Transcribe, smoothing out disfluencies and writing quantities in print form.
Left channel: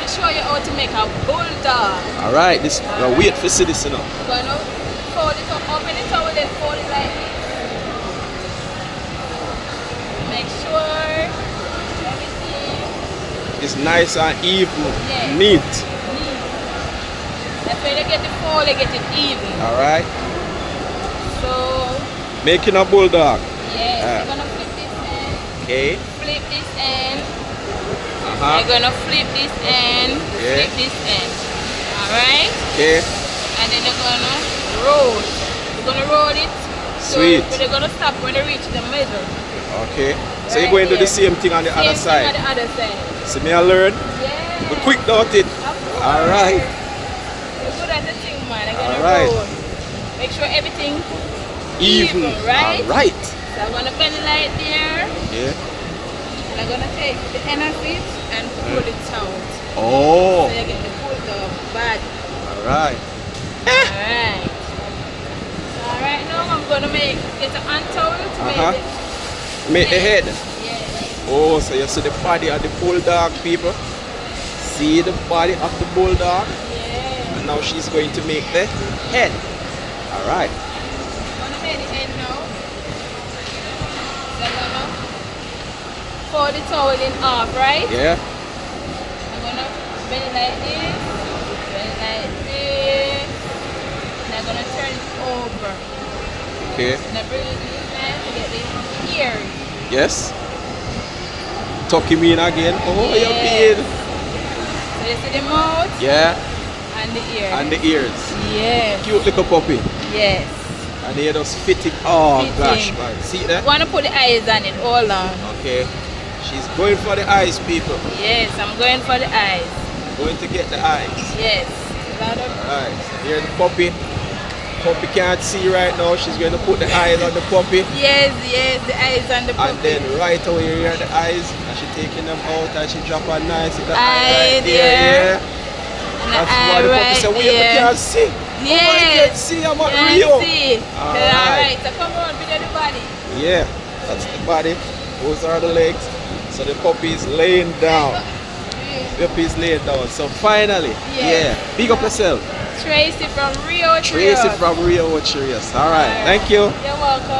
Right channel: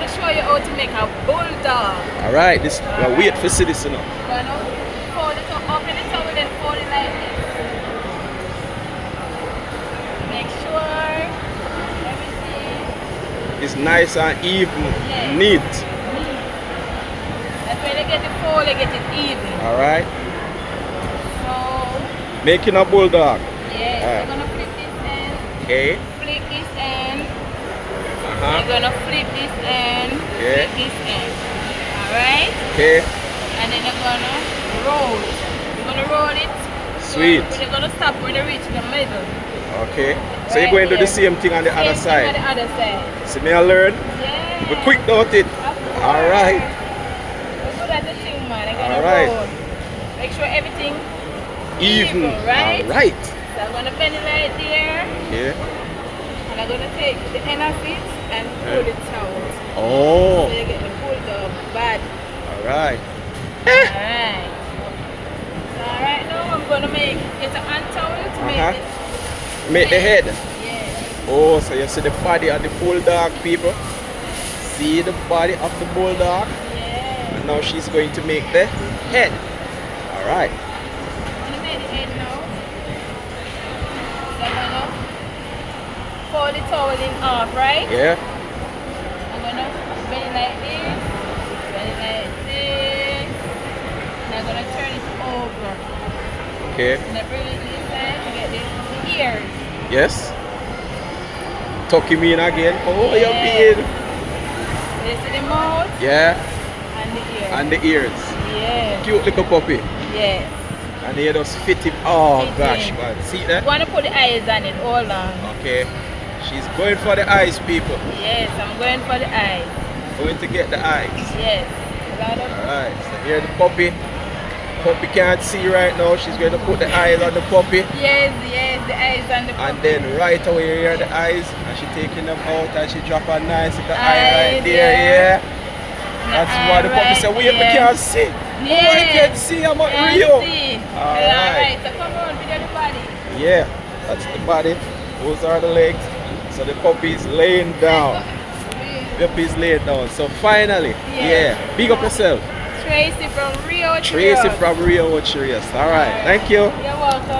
going to show you how to make a bulldog. Alright, this wait for see this, you know. Going to fold it up, open it up, and then fold it like this. Make sure everything It's nice and even, Yes. neat. That's when they get the fold, they get it even. Alright, So, making a bulldog. yeah, we're going to flip this end, Okay. flip this end. Uh-huh. We're going to flip this end, Yeah. flip this end. Alright? Okay. And then they're going to roll. We're going to roll it. Sweet. So, but they're going to stop when they reach the middle. Okay. So you're going to do the same thing on the other Same side. thing on the other side. See me I learn? Yeah. Be quick about it. Alright. We're good at the thing, man. They're gonna Alright. roll. Make sure everything Even. right? Alright. So I'm gonna bend it right there. Yeah. And I'm gonna take the end of it and pull it out. Oh. So you get the bulldog body. Alright. Alright. So right now I'm gonna get an hand towel to Uh-huh. make it. Make the head. Yeah. Oh, so you see the body of the bulldog, people. See the body of the bulldog. Yeah. And now she's going to make the head. Alright. I'm gonna make the head now. So I'm gonna fold the towel in half, right? Yeah. I'm gonna bend it like this, bend it like this. And I'm gonna turn it over. Okay. And I bring it this side to get the ears. Yes. Tuck him in again. Oh, Yeah. you're being. So you see the mouth Yeah. and the ears. And the ears. Yeah. Cute little puppy. Yes. And they just fit him. Oh Fit gosh, him. man. See that? Wanna put the eyes on it, hold on. Okay. She's going for the eyes, people. Yes, I'm going for the eyes. Going to get the eyes. Yes. Alright. So here's the puppy. Puppy can't see right now. She's going to put the eyes on the puppy. Yes, yes, the eyes on the And then right away you hear the eyes. And she taking them out and she drop a nice little eye right there. Yeah. That's why the puppy said, wait, we can't see. Yeah. Oh, I can't see. I'm at Can't Rio. see. Alright. Alright, so come on, video the body. Yeah, that's the body. Those are the legs. So the puppy is laying down. The puppy is laying down. So finally, yeah. Big up yourself. Tracey from RIU Ocho Tracey Rios. from RIU Ocho Rios. Alright, thank you. You're welcome.